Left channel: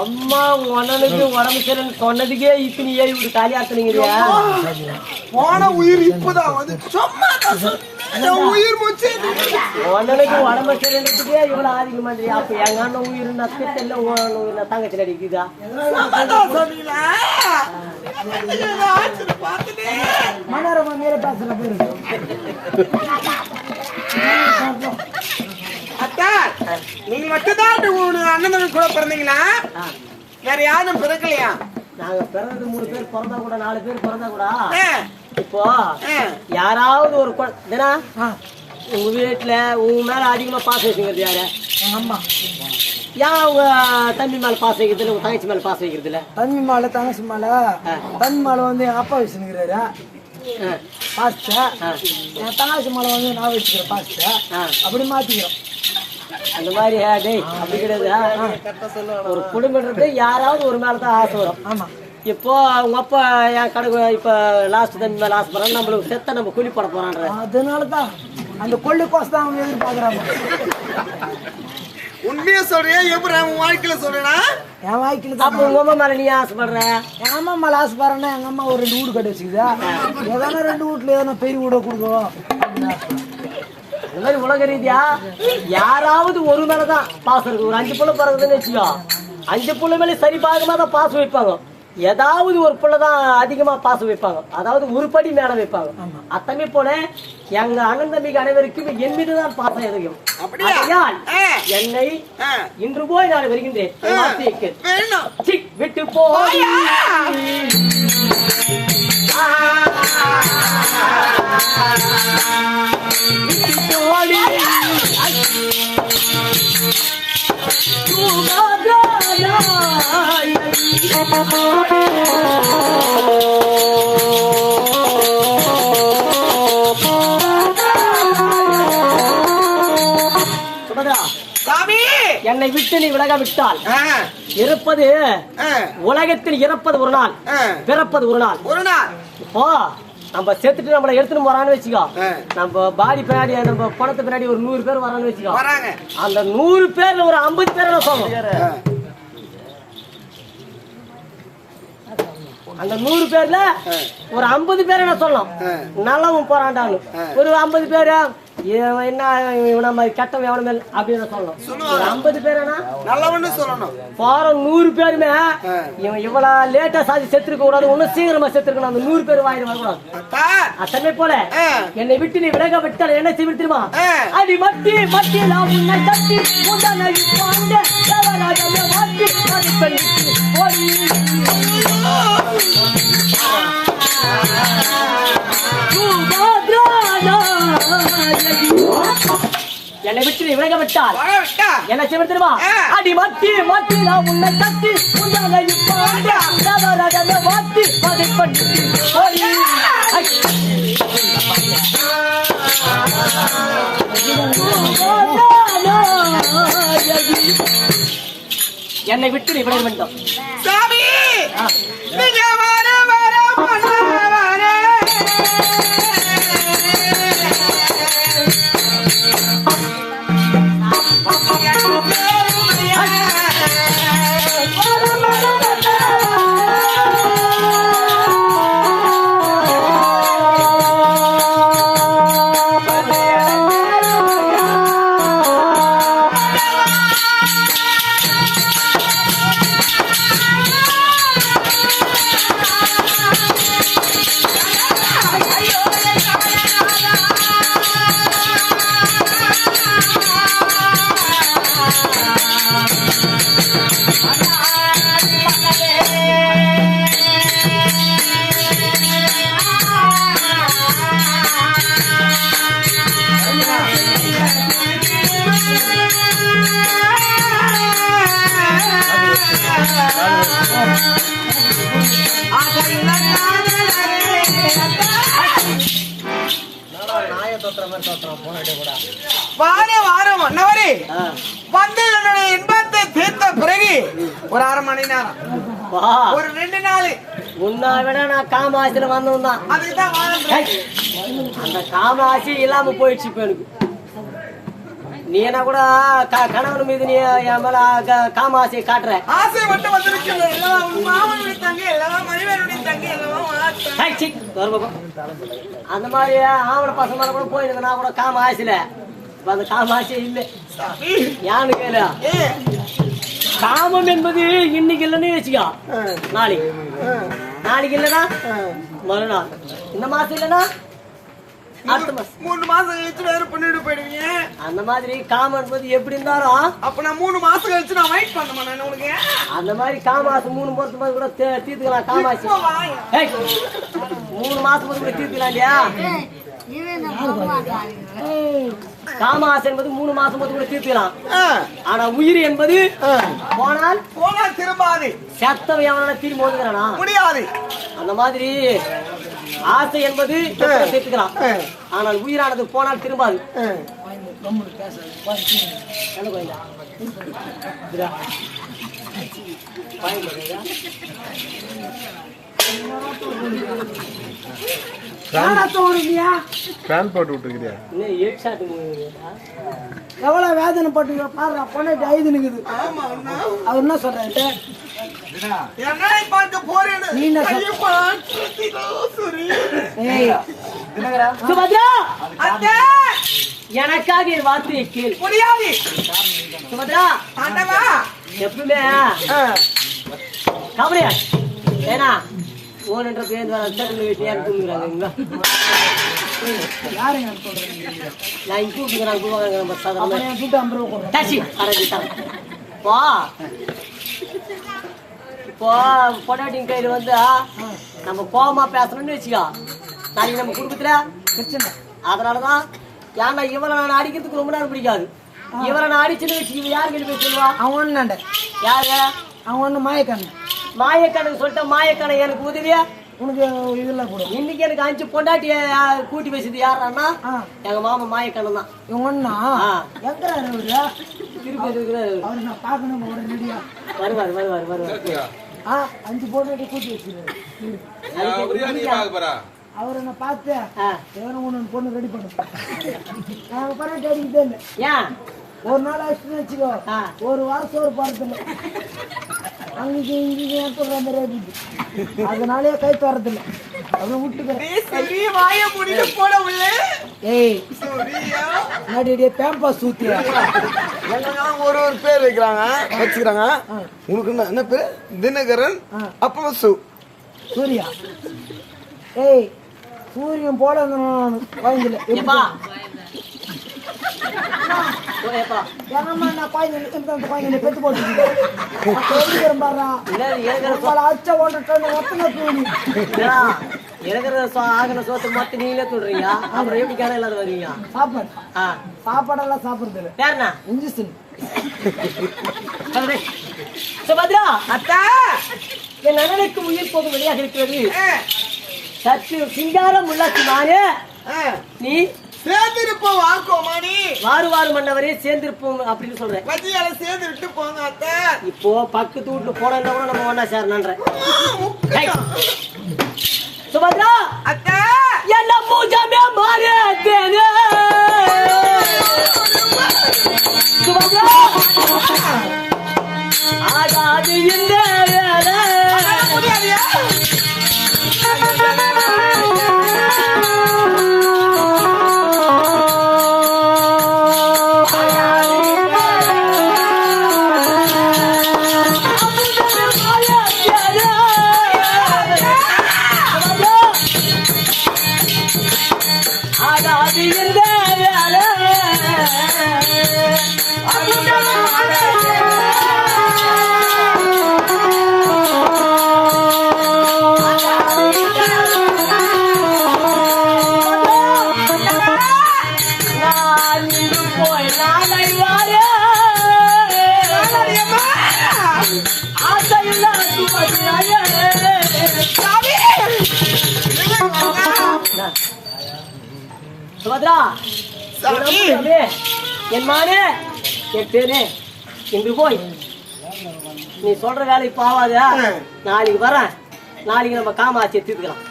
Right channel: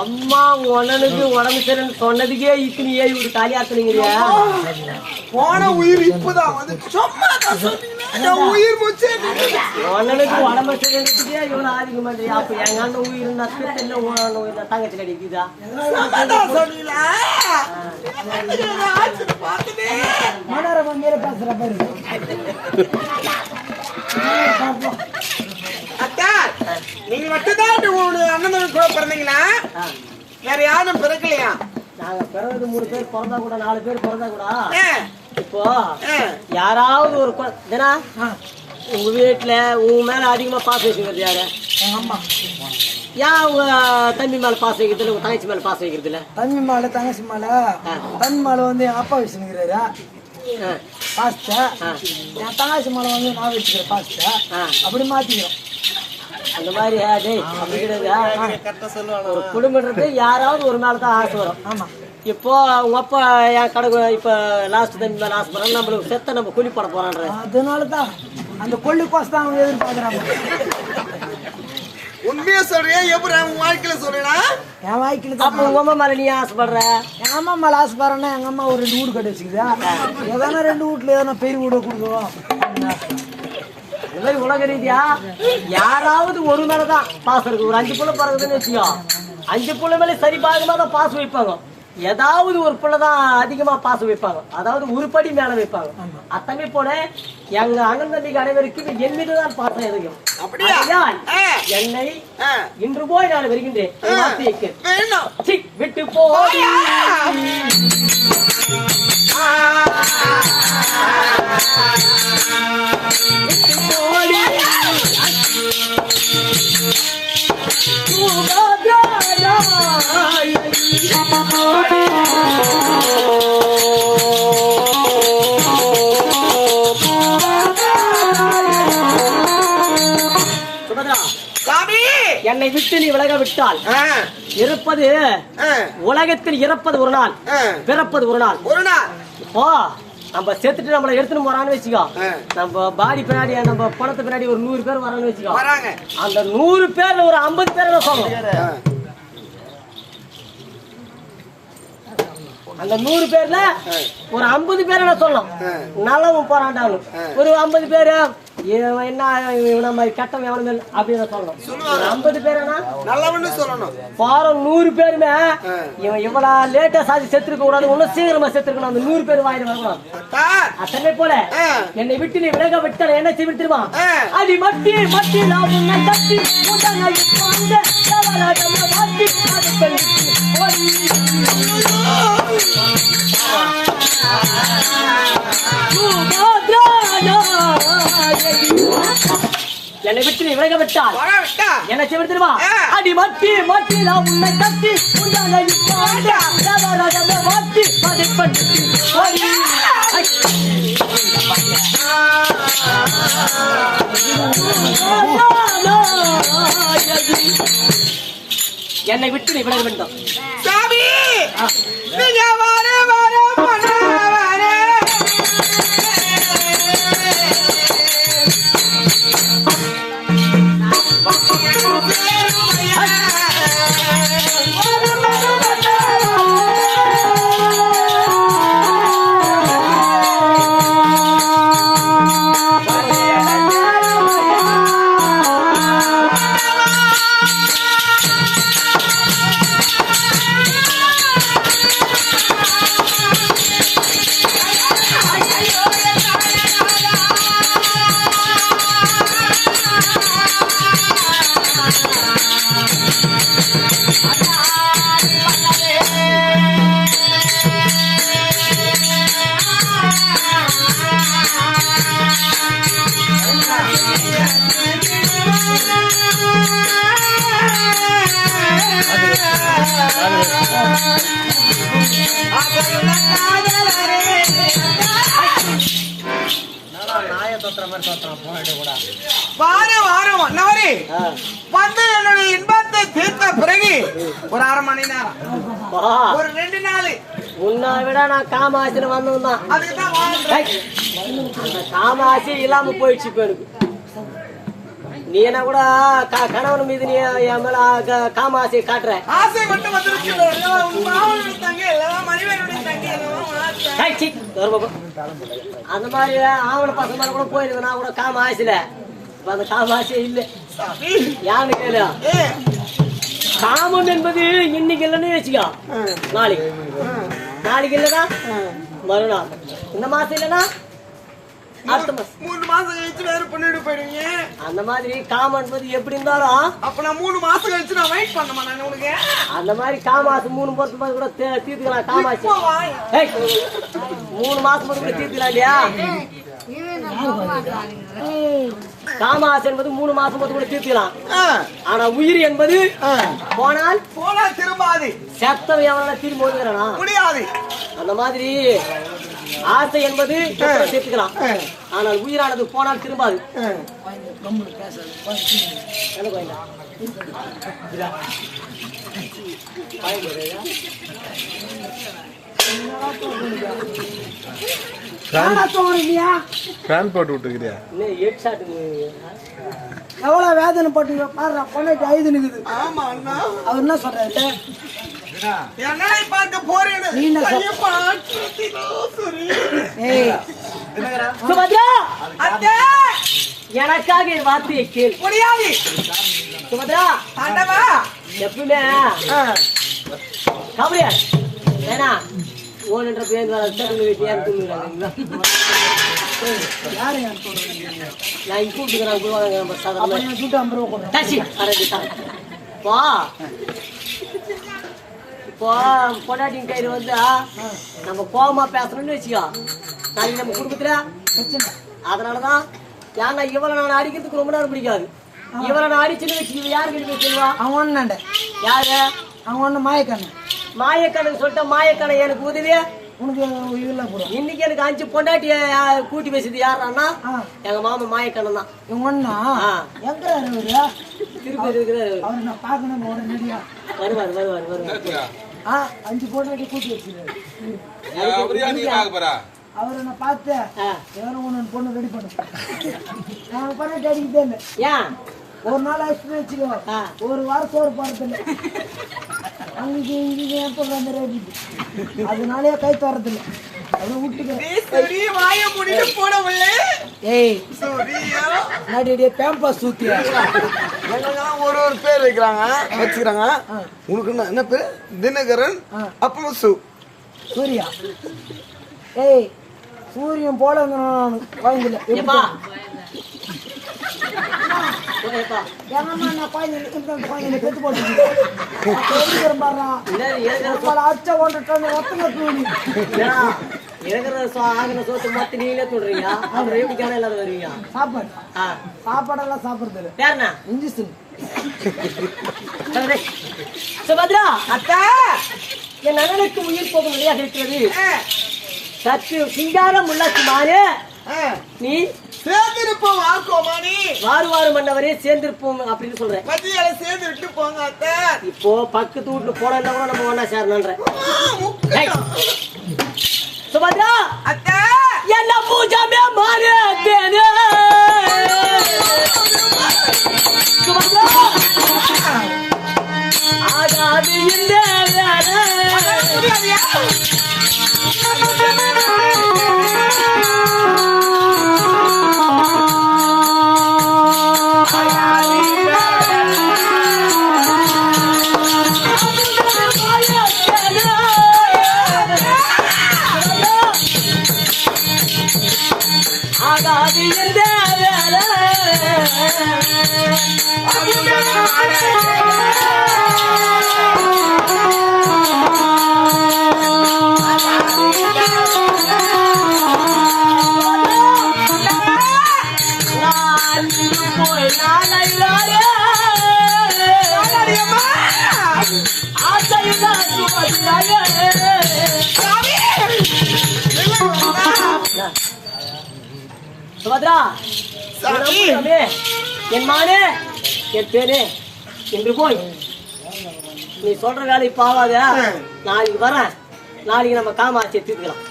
அம்மா உனனுக்கு உடம்பு சரின்னு சொன்னதுக்கே இத்தனை ஏறி விட்டு தாலி ஆத்துனீங்கறியா? போன உயிர் இப்பதான் உயிர் போச்சு. உனனுக்கு உடம்பு சரின்றதுக்கே இவ்வளவு ஆதிக்க மாட்டேன். அப்ப எங்க அண்ணன் உயிர் தெரியல தங்கச்சி அடிக்குதா? மனோரமா மேல பேசுற பேரு நீங்க மட்டும்தான் அண்ணன் கூட பிறந்தீங்களா? வேற யாரும் பிறக்கலையா? நாங்க பிறந்தது 3 பேர் பிறந்தா கூட 4 பேர் பிறந்தா கூட இப்போ யாராவது ஒரு உங்க வீட்டுல உங்க மேல அதிகமா பாசம் வச்சுக்கிறது யாரு? எங்க அம்மா. ஏன் உங்க தம்பி மேல பாசம் வைக்கிறது உங்க தங்கச்சி மேல பாசம் வைக்கிறது இல்ல? தம்பி மேல தங்கச்சி மேல தம்பி மேல வந்து எங்க அப்பா வச்சுக்கிறாரு பாஸ்ட, என் தங்கச்சி மேல வந்து நான் வச்சுக்கிறேன் பாஸ்ட. அப்படி மாத்திக்கிறோம். அந்த மாதிரி அப்படி கிடையாது. ஒரு குடும்பம்ன்றது யாராவது ஒரு மேலதான் ஆசை வரும். ஆமா. இப்போ உங்க அப்பா என் கடை இப்ப லாஸ்ட் தம்பி மேல ஆசைப்படுறாங்க, நம்மளுக்கு செத்த நம்ம கூலி போட போறான்ற அதனாலதான் அந்த கொள்ளி கோசம் தான் அவங்க எதிர்பார்க்கறாங்க. உண்மையா சொல்றேன். எப்படி உன் வாழ்க்கையில சொல்றேன்னா என் வாழ்க்கையில தான். அப்ப உங்க அம்மா மேல நீ ஆசைப்படுற? எங்க அம்மா மேல ஆசைப்படுறேன்னா எங்க அம்மா ஒரு 2 வீடு கட்டி வச்சுக்குதா, ஏதானா 2 வீட்டுல ஏதானா பெரிய வீட கொடுக்கும். இந்த மாதிரி உலக ரீதியா யாராவது ஒரு மேலதான் பாசம் இருக்கு. ஒரு 5 புள்ள பிறகுதுன்னு வச்சுக்கோ, 5 புள்ள மேல சரி பாகமா தான் பாசம் வைப்பாங்க. ஏதாவது ஒரு புள்ளதான் அதிகமா பாசம் வைப்பாங்க, அதாவது ஒரு படி மேல வைப்பாங்க. அத்தனை போல எங்க அண்ணன் தம்பிக்கு அனைவருக்கும் என் மீதுதான் பாசம் எதையும். என்னை இன்று போய் நான் வருகின்றேன். விட்டு போய் என்னை விட்டு நீ விலக விட்டால் இருப்பது உலகத்தில் இறப்பது ஒரு நாள், பிறப்பது ஒரு நாள். ஓ நம்ம சேர்த்துட்டு நம்மள எடுத்துட்டு போறான்னு வச்சுக்கோ, நம்ம பாடி பின்னாடி நம்ம பணத்தை பின்னாடி ஒரு 100 பேர் வரான்னு வச்சுக்கோ, அந்த 100 பேர்ல ஒரு 50 பேர் சொல்லணும். அந்த 100 பேர்ல ஒரு 50 பேர் என்ன சொல்லணும், நல்லவன் போறான்டாங்க. ஒரு 50 பேரு என்ன இவன மாதிரி கட்டம் எவன மேல் அப்படின்னு சொல்லணும். ஒரு 50 பேருனா நல்லவன்னு சொல்லணும். போற 100 பேருமே இவன் இவ்வளவு லேட்டா சாதி செத்துருக்க கூடாது, ஒன்னும் சீக்கிரமா செத்துருக்கணும். அந்த 100 பேர் வாயில வரக்கூடாது. அத்தனை போல என்னை விட்டு நீ விலக விட்டால என்ன செய்ய தெரியுமா? அடி மட்டி மட்டி நான் உன்னை தட்டி என்னை விட்டு நீ விலக விட்டால் என்ன செய்ய தெரியுமா? அடி மட்டி மட்டி நான் உன்னை தட்டி மாட்டி அதை பண்ணி என்னை விட்டு நீ விலக வேண்டும். வந்து என்னுடைய இன்பத்தை தீர்த்த பிறகு ஒரு 1/2 மணி நேரம் ஒரு 2 நாள் முன்னா விட நான் காமாசில வந்தவன். அதுக்குதான் அந்த காமாசி இல்லாம போயிடுச்சு. இப்ப எனக்கு நீ என்ன கூட கணவன் மீது நீ என் மேல காம ஆசையை காட்டுற. ஆசை மட்டும் அந்த மாதிரி ஆவண பசங்க கூட போயிருந்தா கூட காம ஆசையில இப்ப அந்த காம ஆசையே இல்லை. யானு கேளு, காமம் என்பது இன்னைக்கு இல்லைன்னு வச்சுக்கோ, நாளைக்கு இல்லைன்னா மறுநாள், இந்த மாசம் இல்லைன்னா அடுத்த மாசம், 3 மாசம் கழிச்சு வேற பண்ணிட்டு போயிடுவீங்க. அந்த மாதிரி காமம் என்பது எப்படி இருந்தாலும் அப்ப நான் 3 மாசம் கழிச்சு நான் வெயிட் பண்ண மாட்டேன் உனக்கு. அந்த மாதிரி காமாசம் 3 மாசம் கூட தீர்த்துக்கலாம். காமாசி 3 மாசம் கூட தீர்த்துக்கலாம் இல்லையா? காமாசை என்பது 3 மாசம் கூட தீர்த்துக்கலாம். ஆனா உயிர் என்பது போனால் திரும்பாது. சத்தம் எவனா திரும்பி ஓதுகிறானா முடியாது. அந்த மாதிரி ஆசை என்பது சேர்த்துக்கலாம். ஆனால் உயிரானது போனால் திரும்பாது. எவ்வளவு வேதனை பட்டு பாரு பொண்ணாட்டி ஐது நிக்குது. அவர் என்ன சொல்றாரு? நீ என்ன சுபத்ரா, எனக்காக என் வார்த்தையை கேள். முடியாது சுபத்ரா, எப்பவுமே கபடியா ஏன்னா ஓனன்ற பேர் யாருங்க நான் இங்க இப்போ பொண்டாட்டின் கையில வந்து நம்ம கோபமா பேசணும்னு வச்சுக்கோ, நாளைக்கு நம்ம குடும்பத்துல பிரச்சனை. அதனாலதான் ஏன்னா இவரை நான் அடிக்கிறதுக்கு ரொம்ப நேரம் பிடிக்காது. இவரை நான் அடிச்சுன்னு வச்சு யாரு கிட்ட போய் சொல்லுவா? அவன் ஒண்ணு யாரு? அவன் ஒண்ணு மாயக்கண்ணு. மாயக்கண்ணு சொல்லிட்ட மாயக்கண்ணை எனக்கு உதவியா உனக்கு இதெல்லாம் கூட. இன்னைக்கு எனக்கு 5 பொண்டாட்டிய கூட்டி பேசுது யாருன்னா எங்க மாமா மாயக்கண்ணன் தான். இவன் ஒண்ணா எங்கிறாரு அவரு? திருப்பதி இருக்கிறாரு. அவரு நான் பாக்கணும் உடனடியா வருவார். 5 பொண்டாட்டி கூட்டி வச்சிருக்காரு. அவரை நான் பார்த்தேன். எவனும் ஒண்ணு பொண்ணு ரெடி பண்ண நாங்க பண்ண தேடிக்கிட்டே இல்லை. ஏன் ஒரு நாள் ஆயிடுச்சுன்னு வச்சுக்கோ, ஒரு வாரம் சோறு போறதில்லை. அங்கே அந்த ரேடி அதனாலே கை தரதில்லை. அப்படியே விட்டுக்கிறேன். பேம்பஸ் ஊத்தியா ஒரு பேர் வச்சுக்கிறாங்க. உனக்கு என்ன பேரு? தினகரன். அப்புறம் சூர்யா. சூரியன் போல வாங்கல. பெத்து போட்டு சோத்து நீங்களே சொல்றீங்க. அப்புறம் எப்படி கேன எல்லாரும் வருவீங்க? சாப்பாடெல்லாம் சாப்பிடுறது இல்ல. யாருண்ணா? இன்ஜெக்ஷன். சுபத்ரா, அத்தா என் அண்ணனுக்கு உயிர் போகும் வழியாக இருக்கிறது. சற்று சிங்காரம் உள்ளாச்சு மாறே நீ சேர்ந்திருப்போம். வார்க்கோமானி வாரு மன்னவரே சேர்ந்திருப்போம் அப்படின்னு சொல்றேன். மதியால சேர்ந்துட்டு போங்க அத்தை. இப்போ பக்கத்து வீட்டுல போனா கூட நம்ம ஒன்னா சேரணுன்ற. சுபத்ரா, அத்தை என்ன பூஜாமே மாறே தேனே. சுபத்ரா, ஆகாது இந்த வேலை முடியாதியா? சுபத்ரா, என் மானே என் பேரே இன்று போய் நீ சொல்ற வேலை இப்ப ஆகாத. நாளைக்கு வரேன். நாளைக்கு நம்ம காமாட்சியை தீர்த்துக்கலாம்.